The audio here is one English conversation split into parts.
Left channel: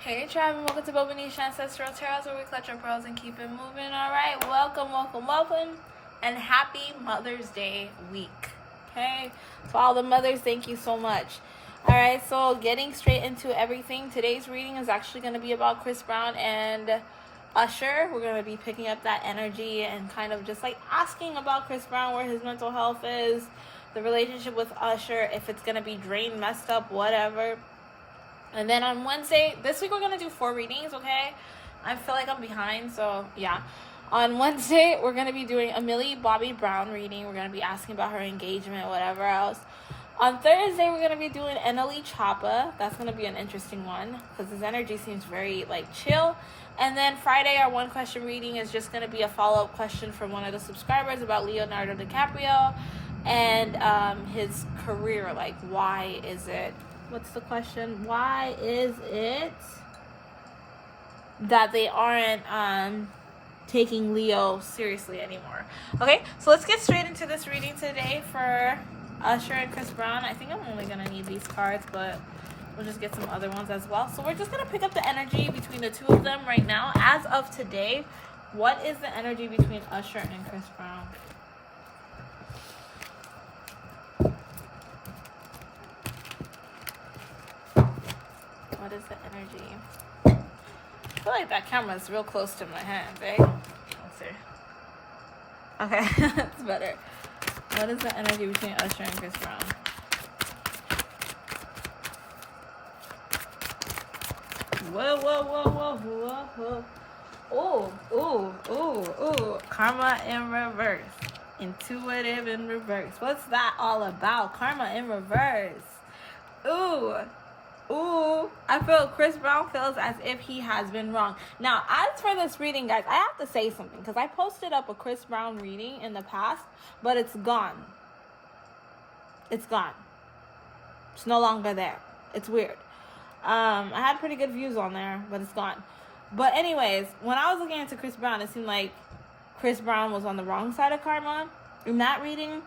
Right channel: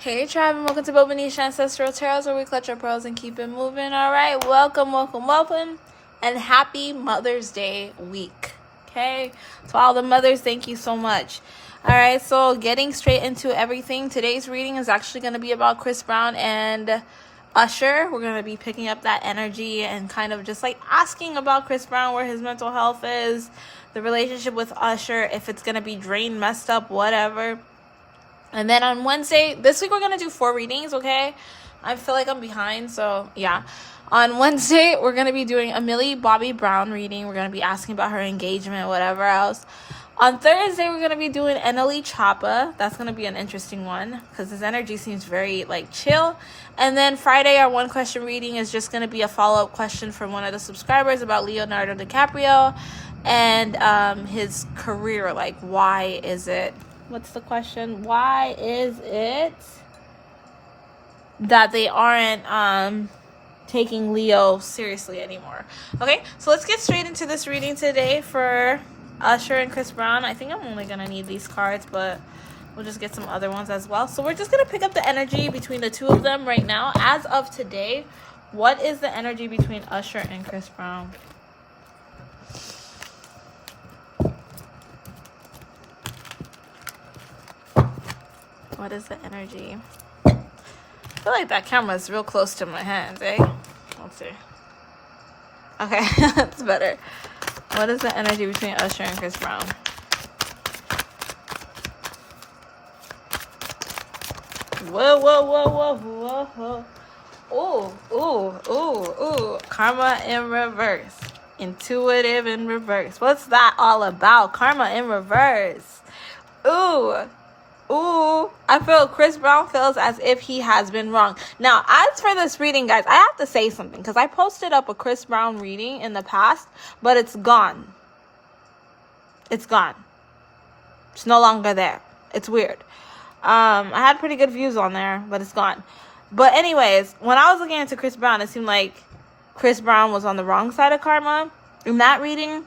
Hey tribe, and welcome to Bobo-Nesha Ancestral Tarot, where we clutch our pearls and keep it moving. Alright, welcome, and happy Mother's Day week. Okay, to all the mothers, thank you so much. Alright, so getting straight into everything, today's reading is actually going to be about Chris Brown and Usher. We're going to be picking up that energy and kind of just like asking about Chris Brown, where his mental health is, the relationship with Usher, if it's going to be drained, messed up, whatever. And then on Wednesday, this week we're going to do 4 readings, okay? I feel like I'm behind, so yeah. On Wednesday, we're going to be doing a Millie Bobby Brown reading. We're going to be asking about her engagement, whatever else. On Thursday, we're going to be doing Eneli Chapa. That's going to be an interesting one because his energy seems very, like, chill. And then Friday, our one question reading is just going to be a follow-up question from one of the subscribers about Leonardo DiCaprio and his career. Like, why is it... What's the question? Why is it that they aren't taking Leo seriously anymore? Okay, so let's get straight into this reading today for Usher and Chris Brown. I think I'm only going to need these cards, but we'll just get some other ones as well. So we're just going to pick up the energy between the two of them right now. As of today, what is the energy between Usher and Chris Brown? What is the energy? I feel like that camera is real close to my hands, eh? Let's see. Okay, that's better. What is the energy between Usher and Chris Brown? Whoa, whoa, whoa, whoa, whoa. Ooh. Karma in reverse. Intuitive in reverse. What's that all about? Karma in reverse. Ooh, I feel Chris Brown feels as if he has been wrong. Now, as for this reading, guys, I have to say something because I posted up a Chris Brown reading in the past, but it's gone. It's gone. It's no longer there. It's weird. I had pretty good views on there, but it's gone. But anyways, when I was looking into Chris Brown, it seemed like Chris Brown was on the wrong side of karma in that reading.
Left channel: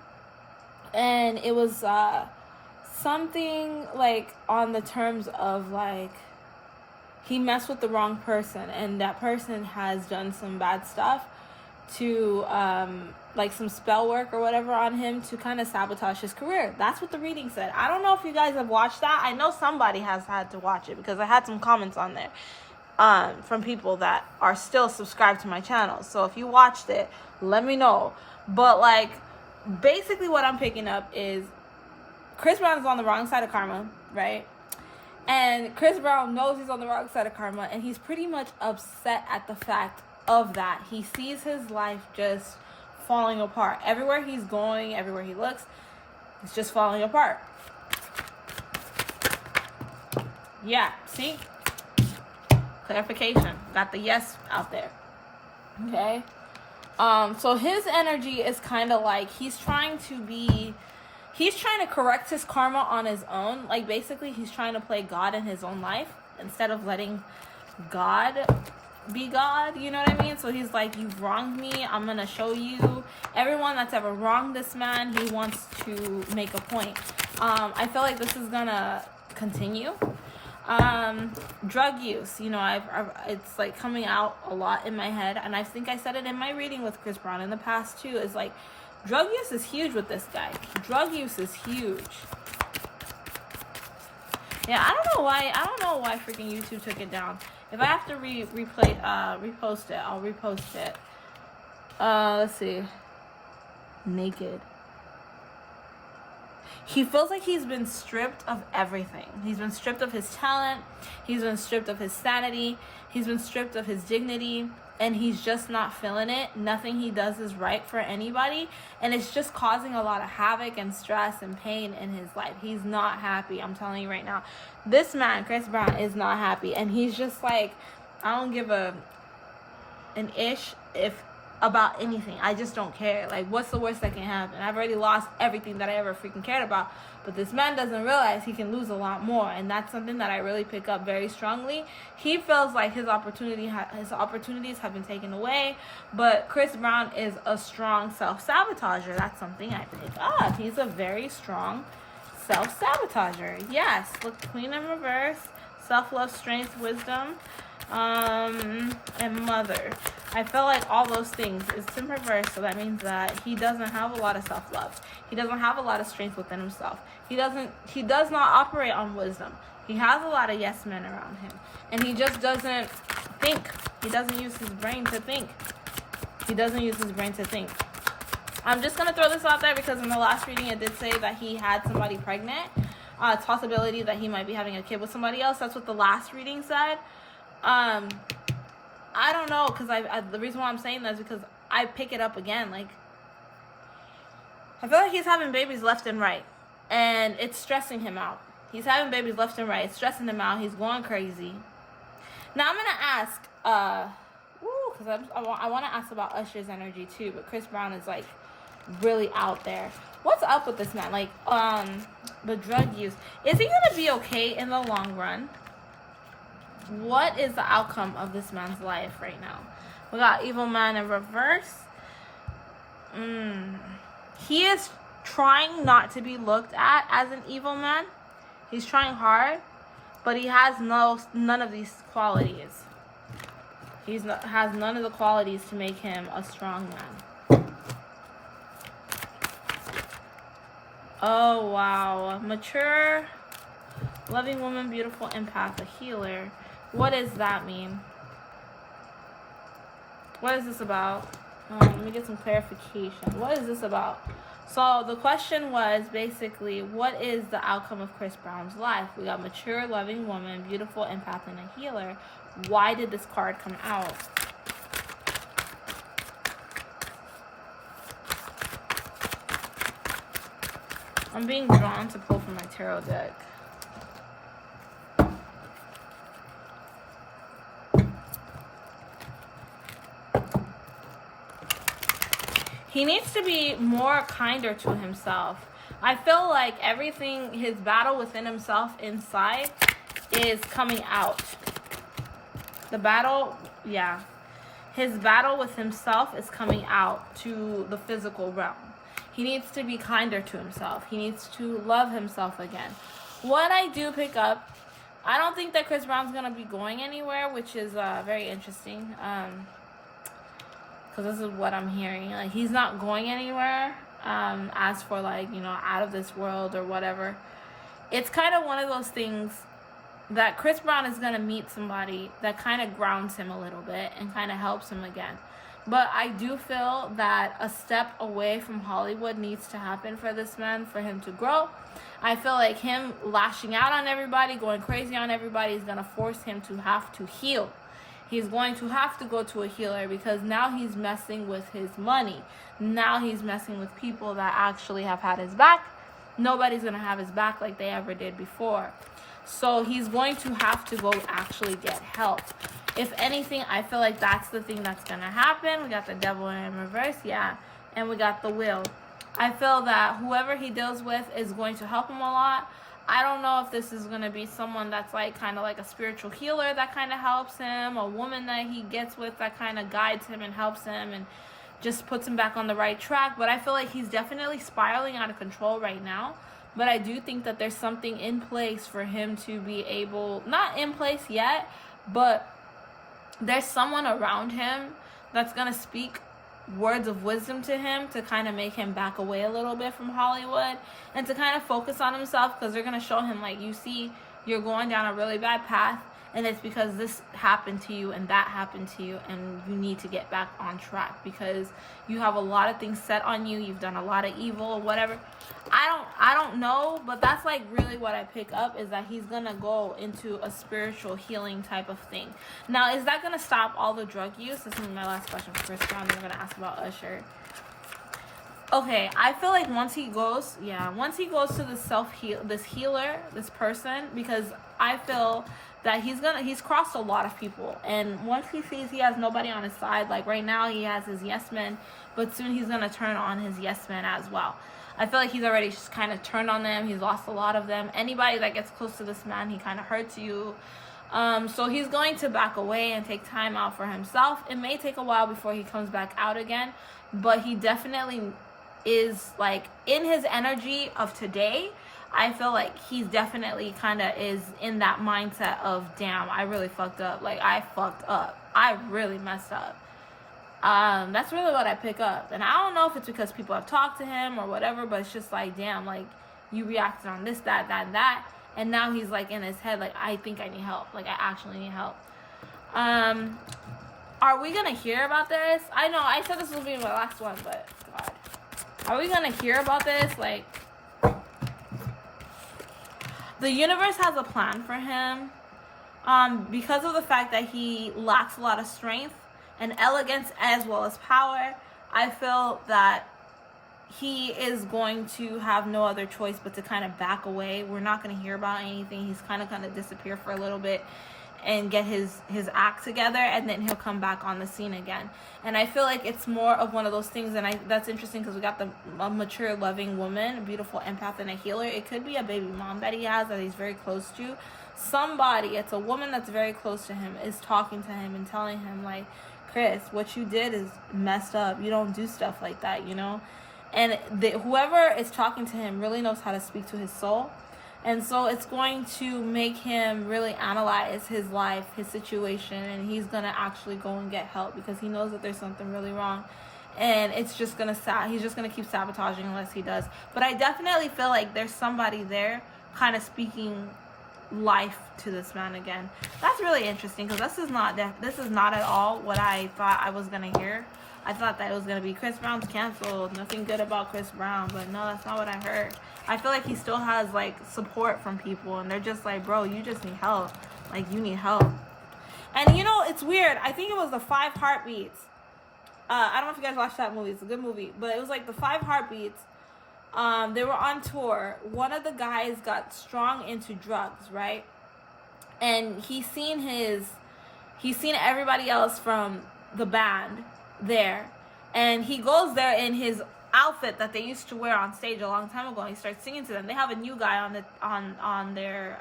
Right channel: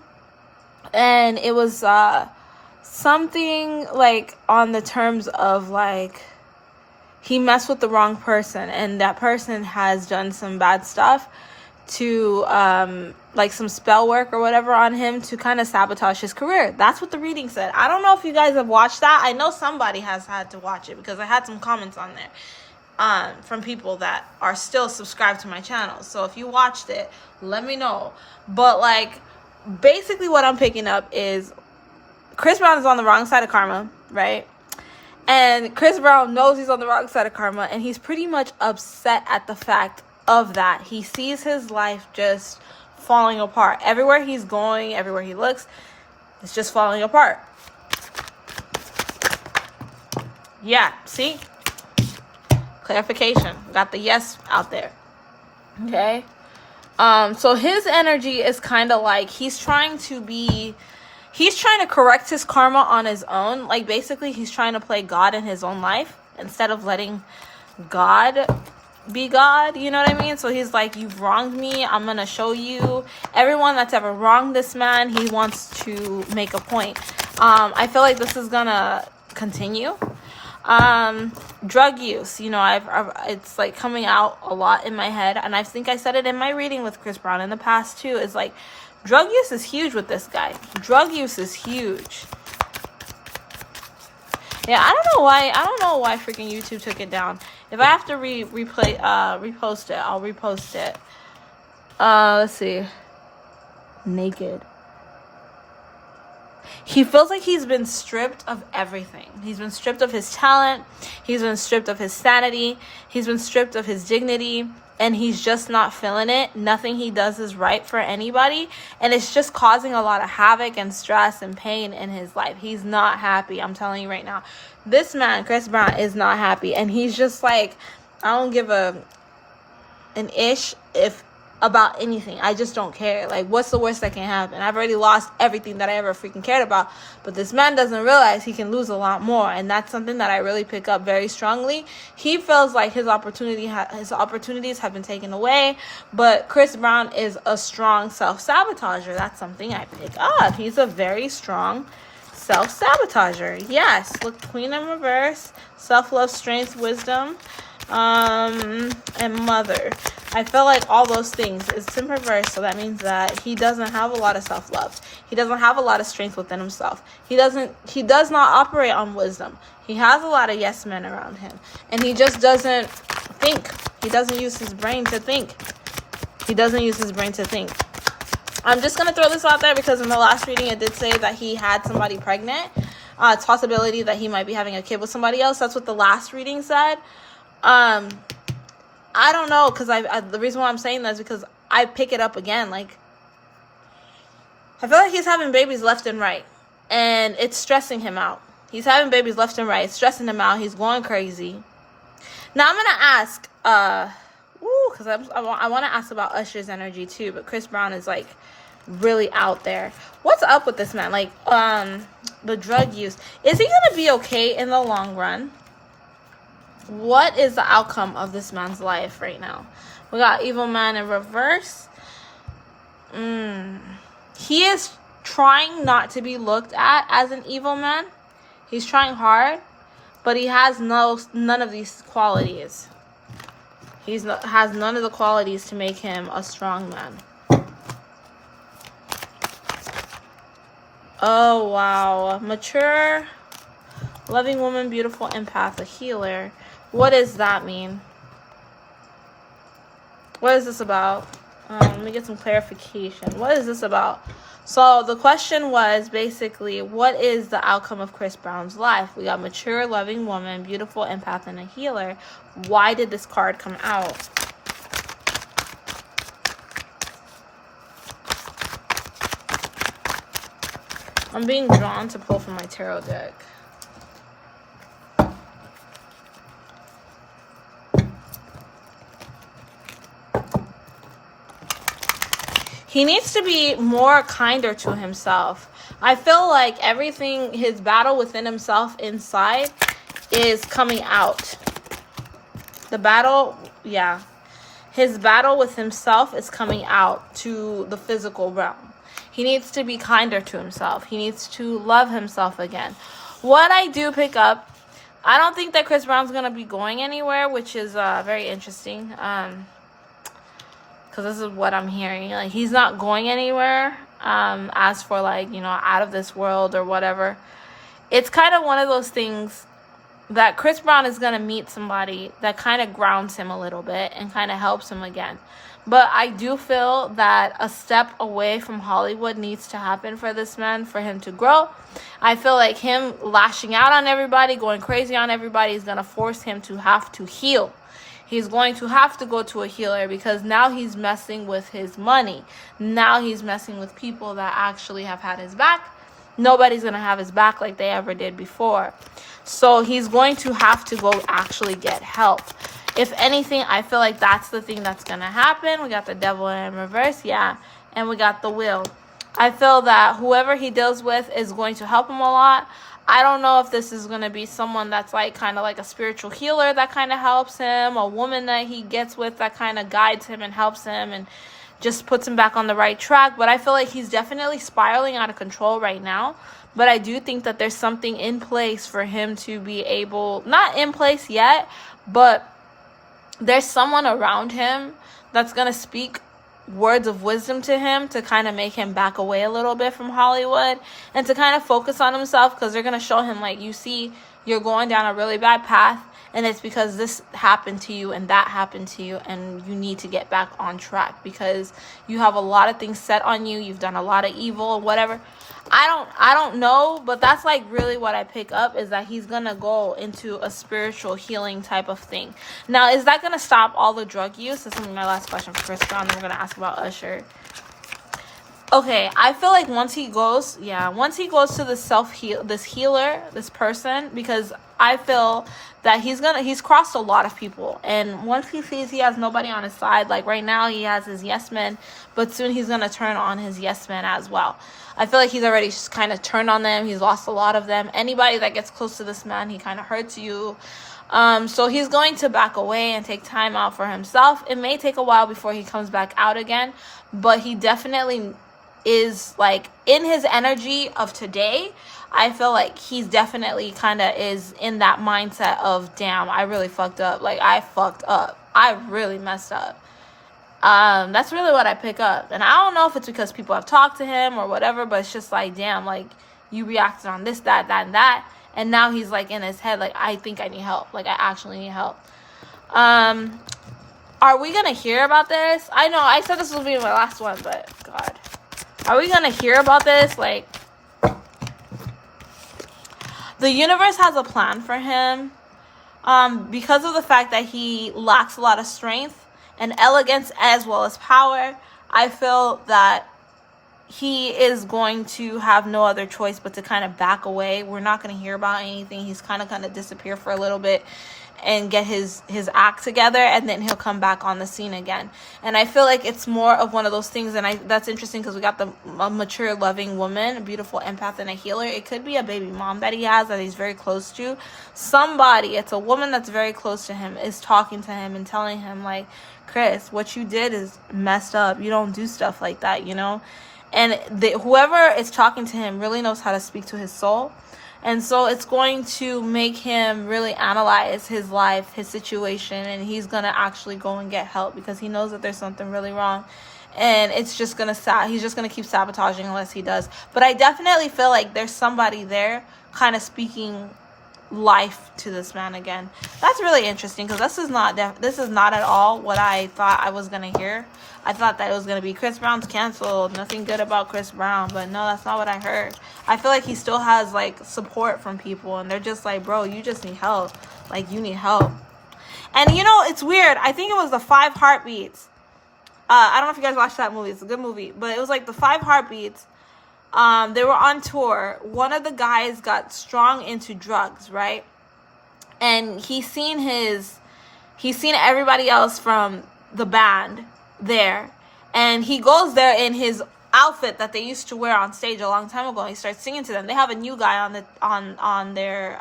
And it was... something like on the terms of like he messed with the wrong person and that person has done some bad stuff to like some spell work or whatever on him to kind of sabotage his career. That's what the reading said. I don't know if you guys have watched that. I know somebody has had to watch it because I had some comments on there from people that are still subscribed to my channel. So if you watched it, let me know. But like basically what I'm picking up is Chris Brown is on the wrong side of karma, right? And Chris Brown knows he's on the wrong side of karma, and he's pretty much upset at the fact of that. He sees his life just falling apart. Everywhere he's going, everywhere he looks, it's just falling apart. Yeah, see? Clarification. Got the yes out there. Okay? So his energy is kind of like he's trying to correct his karma on his own. Like, basically, he's trying to play God in his own life instead of letting God be God. You know what I mean? So he's like, you've wronged me. I'm going to show you. Everyone that's ever wronged this man, he wants to make a point. I feel like this is going to continue. Drug use. You know, it's like coming out a lot in my head. And I think I said it in my reading with Chris Brown in the past, too. Is like, drug use is huge with this guy. Drug use is huge. Yeah, I don't know why freaking YouTube took it down. If I have to repost it, I'll repost it. Let's see. Naked. He feels like he's been stripped of everything. He's been stripped of his talent. He's been stripped of his sanity. He's been stripped of his dignity. And he's just not feeling it. Nothing he does is right for anybody. And it's just causing a lot of havoc and stress and pain in his life. He's not happy. I'm telling you right now. This man, Chris Brown, is not happy. And he's just like, I don't give an ish about anything. I just don't care. Like, what's the worst that can happen? I've already lost everything that I ever freaking cared about. But this man doesn't realize he can lose a lot more. And that's something that I really pick up very strongly. He feels like his opportunities have been taken away. But Chris Brown is a strong self-sabotager. That's something I pick up. He's a very strong self-sabotager. Yes, look, Queen in reverse, self-love, strength, wisdom, and mother. I feel like all those things is in reverse, so that means that he doesn't have a lot of self-love. He doesn't have a lot of strength within himself. He does not operate on wisdom. He has a lot of yes men around him, and he just doesn't think. He doesn't use his brain to think. He doesn't use his brain to think. I'm just going to throw this out there because in the last reading it did say that he had somebody pregnant. It's a possibility that he might be having a kid with somebody else. That's what the last reading said. I don't know, because the reason why I'm saying that is because I pick it up again. Like, I feel like he's having babies left and right, and it's stressing him out. He's having babies left and right. It's stressing him out. He's going crazy. Now I'm going to ask, because I want to ask about Usher's energy too, but Chris Brown is like really out there. What's up with this man? Like, the drug use. Is he going to be okay in the long run? What is the outcome of this man's life right now? We got evil man in reverse. He is trying not to be looked at as an evil man. He's trying hard, but he has none of these qualities. He has none of the qualities to make him a strong man. Oh, wow. Mature, loving woman, beautiful empath, a healer. What does that mean? What is this about? Let me get some clarification. What is this about? So the question was basically, what is the outcome of Chris Brown's life? We got mature, loving woman, beautiful empath, and a healer. Why did this card come out? I'm being drawn to pull from my tarot deck. He needs to be more kinder to himself. I feel like everything, his battle within himself inside is coming out. The battle, yeah. His battle with himself is coming out to the physical realm. He needs to be kinder to himself. He needs to love himself again. What I do pick up, I don't think that Chris Brown's going to be going anywhere, which is very interesting. Because this is what I'm hearing. Like, he's not going anywhere. As for, like, you know, out of this world or whatever. It's kind of one of those things that Chris Brown is going to meet somebody that kind of grounds him a little bit and kind of helps him again. But I do feel that a step away from Hollywood needs to happen for this man, for him to grow. I feel like him lashing out on everybody, going crazy on everybody, is going to force him to have to heal. He's going to have to go to a healer because now he's messing with his money. Now he's messing with people that actually have had his back. Nobody's going to have his back like they ever did before. So he's going to have to go actually get help. If anything, I feel like that's the thing that's going to happen. We got the devil in reverse, yeah. And we got the wheel. I feel that whoever he deals with is going to help him a lot. I don't know if this is going to be someone that's like kind of like a spiritual healer that kind of helps him. A woman that he gets with that kind of guides him and helps him and just puts him back on the right track. But I feel like he's definitely spiraling out of control right now. But I do think that there's something in place for him to be able, not in place yet, but there's someone around him that's going to speak words of wisdom to him to kind of make him back away a little bit from Hollywood and to kind of focus on himself, because they're going to show him, like, you see, you're going down a really bad path and it's because this happened to you and that happened to you, and you need to get back on track because you have a lot of things set on you. You've done a lot of evil or whatever. I don't know, but that's like really what I pick up, is that he's gonna go into a spiritual healing type of thing. Now, is that gonna stop all the drug use? This is my last question for Chris Brown. We're gonna ask about Usher. Okay, I feel like once he goes to the this healer, this person, because I feel that he's crossed a lot of people, and once he sees he has nobody on his side, like right now he has his yes men, but soon he's gonna turn on his yes men as well. I feel like he's already just kind of turned on them. He's lost a lot of them. Anybody that gets close to this man, he kind of hurts you. So he's going to back away and take time out for himself. It may take a while before he comes back out again, but he definitely is, like, in his energy of today. I feel like he's definitely kind of is in that mindset of, damn, I really fucked up. Like, I fucked up. I really messed up. That's really what I pick up. And I don't know if it's because people have talked to him or whatever, but it's just like, damn, like, you reacted on this, that, and that. And now he's like in his head, like, I think I need help. Like, I actually need help. Are we going to hear about this? I know, I said this will be my last one, but God. Are we going to hear about this? Like, the universe has a plan for him. Because of the fact that he lacks a lot of strength and elegance as well as power, I feel that he is going to have no other choice but to kind of back away. We're not going to hear about anything. He's kind of disappear for a little bit and get his act together, and then he'll come back on the scene again. And I feel like it's more of one of those things, and that's interesting because we got a mature, loving woman, a beautiful empath, and a healer. It could be a baby mom that he has that he's very close to. Somebody, it's a woman that's very close to him, is talking to him and telling him, like, Chris, what you did is messed up. You don't do stuff like that, you know? And whoever is talking to him really knows how to speak to his soul. And so it's going to make him really analyze his life, his situation, and he's going to actually go and get help because he knows that there's something really wrong. And it's just going to, he's just going to keep sabotaging unless he does. But I definitely feel like there's somebody there kind of speaking life to this man again. That's really interesting because this is not at all what I thought I was going to hear. I thought that it was going to be Chris Brown's canceled, nothing good about Chris Brown, but no, that's not what I heard. I feel like he still has, like, support from people, and they're just like, bro, you just need help. Like, you need help. And, you know, it's weird. I think it was the 5 Heartbeats. I don't know if you guys watched that movie. It's a good movie. But it was, like, the 5 Heartbeats. They were on tour. One of the guys got strong into drugs, right? And he's seen everybody else from the band there, and he goes there in his outfit that they used to wear on stage a long time ago, and he starts singing to them. They have a new guy on their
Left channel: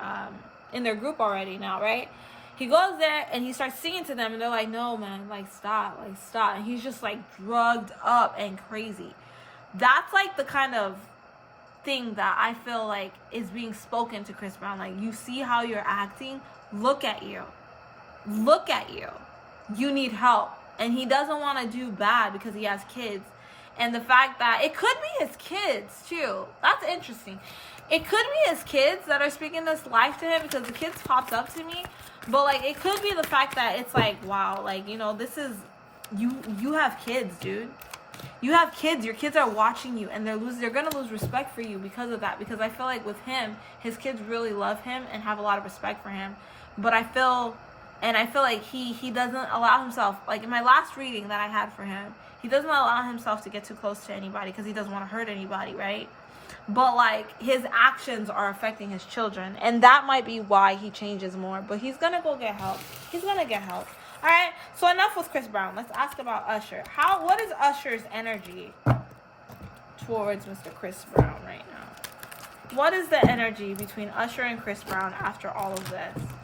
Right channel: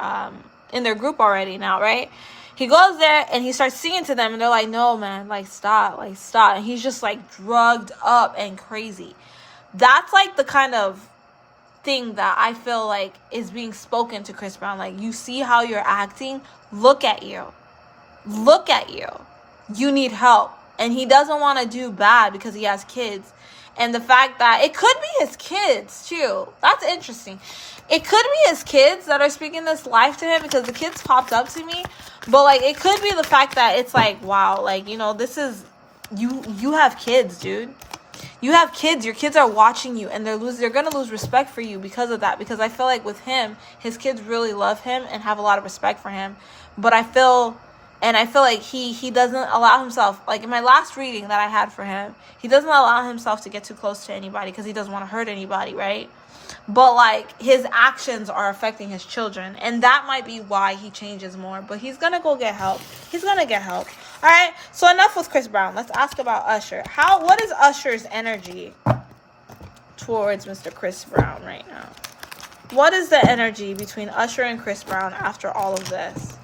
in their group already now, right? He goes there and he starts singing to them, and they're like, no man, like stop, and he's just like drugged up and crazy. That's like the kind of thing that I feel like is being spoken to Chris Brown. Like, you see how you're acting, look at you, you need help. And he doesn't want to do bad because he has kids. And the fact that it could be his kids, too. That's interesting. It could be his kids that are speaking this life to him because the kids popped up to me. But, like, it could be the fact that it's like, wow, like, you know, this is... You have kids, dude. You have kids. Your kids are watching you. And they're going to lose respect for you because of that. Because I feel like with him, his kids really love him and have a lot of respect for him. But I feel like he doesn't allow himself, like in my last reading that I had for him, he doesn't allow himself to get too close to anybody because he doesn't want to hurt anybody, right? But like his actions are affecting his children, and that might be why he changes more. But he's gonna go get help. He's gonna get help. All right. So enough with Chris Brown. Let's ask about Usher. What is Usher's energy towards Mr. Chris Brown right now? What is the energy between Usher and Chris Brown after all of this?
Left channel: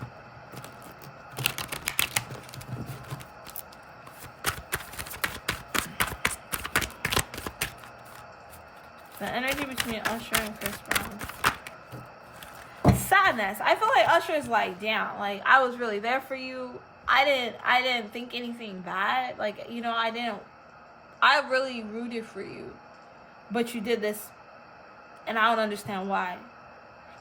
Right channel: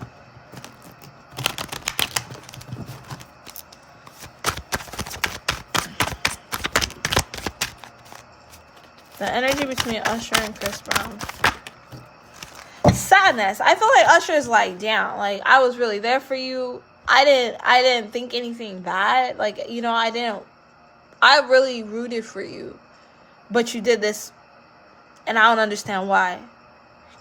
The energy between Usher and Chris Brown. Sadness. I feel like Usher's like, damn, like I was really there for you. I didn't think anything bad. Like, you know, I really rooted for you. But you did this and I don't understand why.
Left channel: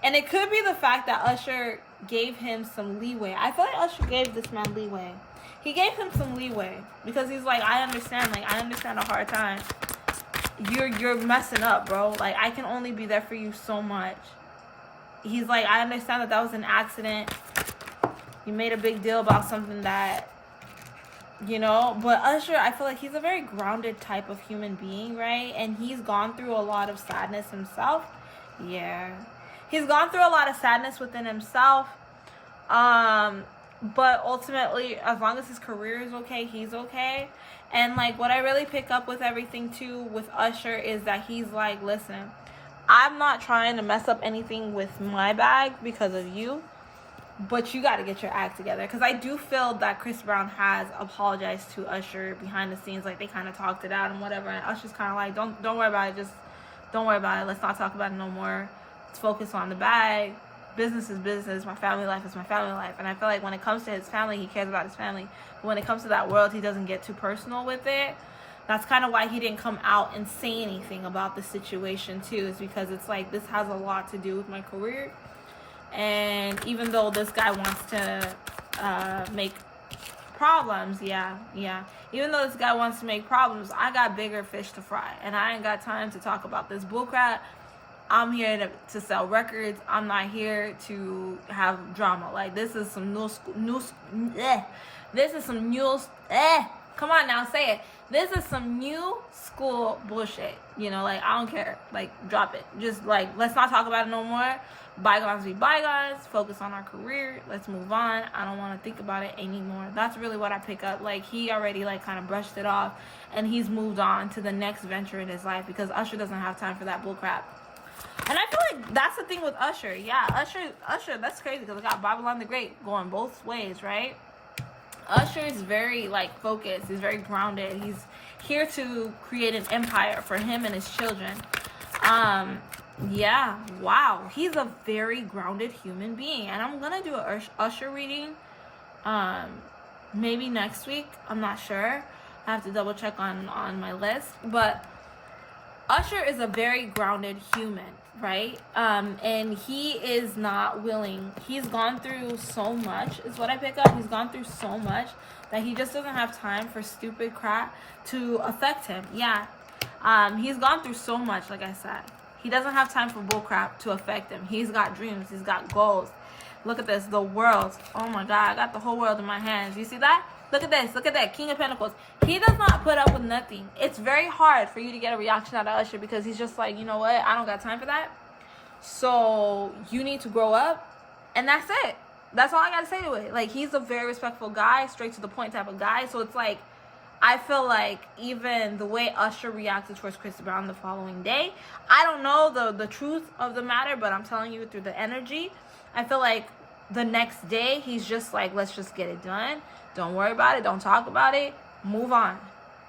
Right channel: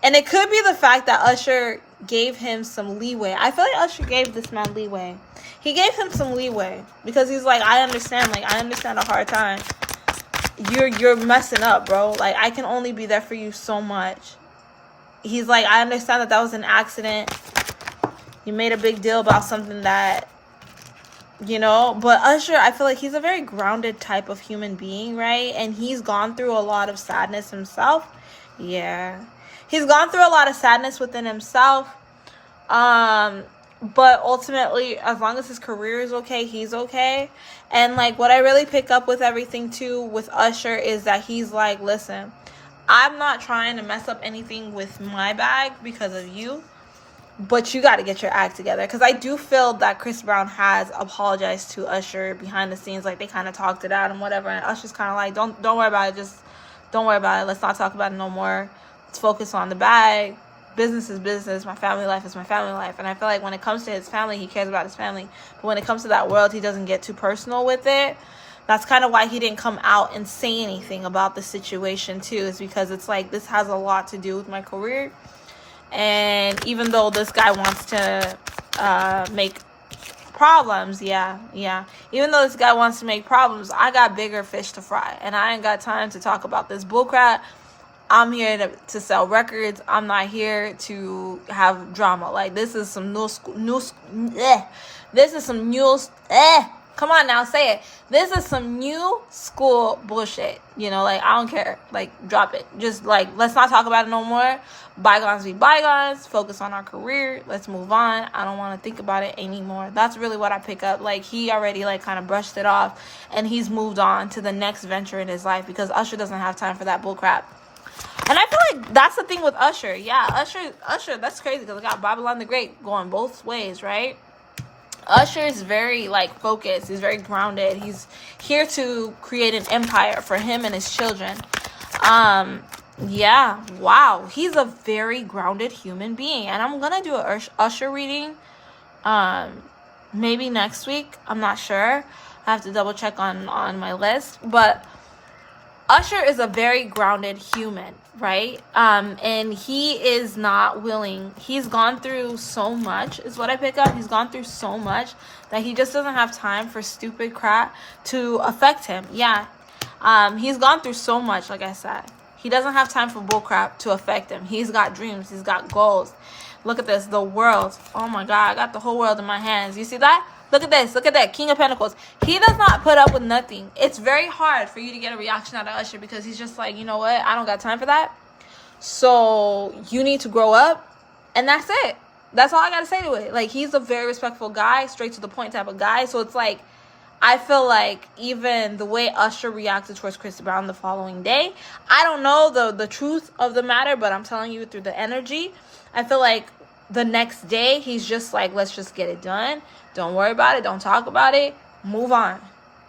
And it could be the fact that Usher gave him some leeway. I feel like Usher gave this man leeway. He gave him some leeway because he's like, I understand a hard time. You're messing up, bro. Like, I can only be there for you so much. He's like, I understand that was an accident. You made a big deal about something that, you know. But Usher, I feel like he's a very grounded type of human being, right? And he's gone through a lot of sadness himself. Yeah. He's gone through a lot of sadness within himself. But ultimately, as long as his career is okay, he's okay. And like what I really pick up with everything too with Usher is that he's like, listen, I'm not trying to mess up anything with my bag because of you, but you got to get your act together. Because I do feel that Chris Brown has apologized to Usher behind the scenes, like they kind of talked it out and whatever. And Usher's kind of like, don't worry about it, just don't worry about it. Let's not talk about it no more. Let's focus on the bag. Business is business. My family life is my family life. And I feel like when it comes to his family, he cares about his family. But when it comes to that world, he doesn't get too personal with it. That's kind of why he didn't come out and say anything about the situation too, is because it's like, this has a lot to do with my career. And even though this guy wants to make problems, even though this guy wants to make problems, I got bigger fish to fry, and I ain't got time to talk about this bullcrap. I'm here to sell records. I'm not here to have drama. Like, this is some this is some new, come on now, say it. This is some new school bullshit. You know, like, I don't care. Like, drop it. Just, like, let's not talk about it no more. Bygones be bygones. Focus on our career. Let's move on. I don't want to think about it anymore. That's really what I pick up. Like, he already, like, kind of brushed it off, and he's moved on to the next venture in his life, because Usher doesn't have time for that bullcrap. And I feel like that's the thing with Usher. Yeah, Usher, that's crazy, because I got Babylon the Great going both ways, right? Usher is very, like, focused. He's very grounded. He's here to create an empire for him and his children. Yeah, wow. He's a very grounded human being. And I'm going to do a Usher reading maybe next week. I'm not sure. I have to double check on my list. But Usher is a very grounded human, right? And he is not willing. He's gone through so much, is what I pick up. He's gone through so much that he just doesn't have time for stupid crap to affect him. Yeah. He's gone through so much, like I said. He doesn't have time for bull crap to affect him. He's got dreams. He's got goals. Look at this. The world. Oh, my God. I got the whole world in my hands. You see that? Look at this. Look at that. King of Pentacles. He does not put up with nothing. It's very hard for you to get a reaction out of Usher, because he's just like, you know what? I don't got time for that. So you need to grow up. And that's it. That's all I got to say to it. Like, he's a very respectful guy, straight to the point type of guy. So it's like, I feel like even the way Usher reacted towards Chris Brown the following day, I don't know the truth of the matter, but I'm telling you through the energy, I feel like the next day he's just like, let's just get it done. Don't worry about it. Don't talk about it. Move on.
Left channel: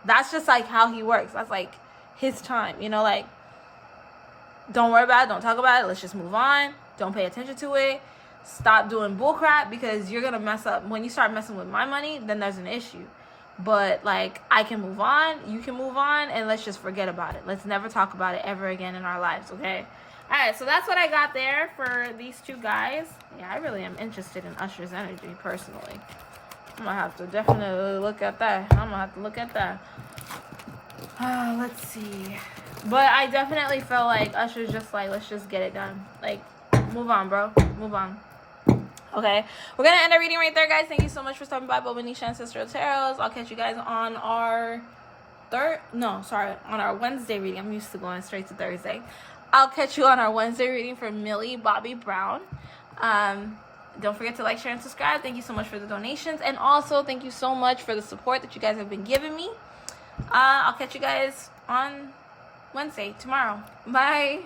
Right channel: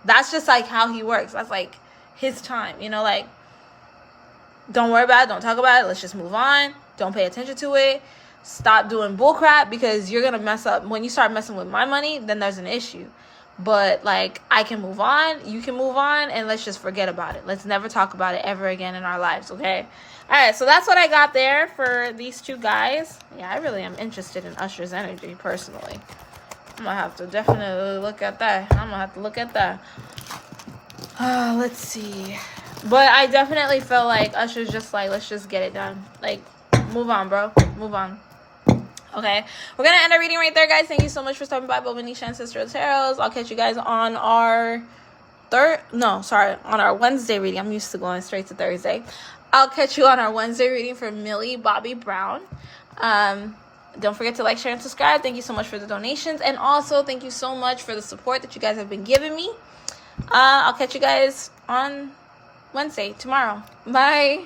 That's just like how he works. That's like his time. You know, like, don't worry about it. Don't talk about it. Let's just move on. Don't pay attention to it. Stop doing bullcrap, because you're going to mess up. When you start messing with my money, then there's an issue. But, like, I can move on. You can move on. And let's just forget about it. Let's never talk about it ever again in our lives, okay? All right, so that's what I got there for these two guys. Yeah, I really am interested in Usher's energy, personally. I'm going to have to definitely look at that. Let's see. But I definitely feel like Usher's just like, let's just get it done. Like, move on, bro. Move on. Okay. We're going to end our reading right there, guys. Thank you so much for stopping by Bobo-Nesha Ancestral Tarots. I'll catch you guys on our on our Wednesday reading. I'm used to going straight to Thursday. I'll catch you on our Wednesday reading for Millie Bobby Brown. Don't forget to like, share, and subscribe. Thank you so much for the donations. And also, thank you so much for the support that you guys have been giving me. I'll catch you guys on Wednesday, tomorrow. Bye.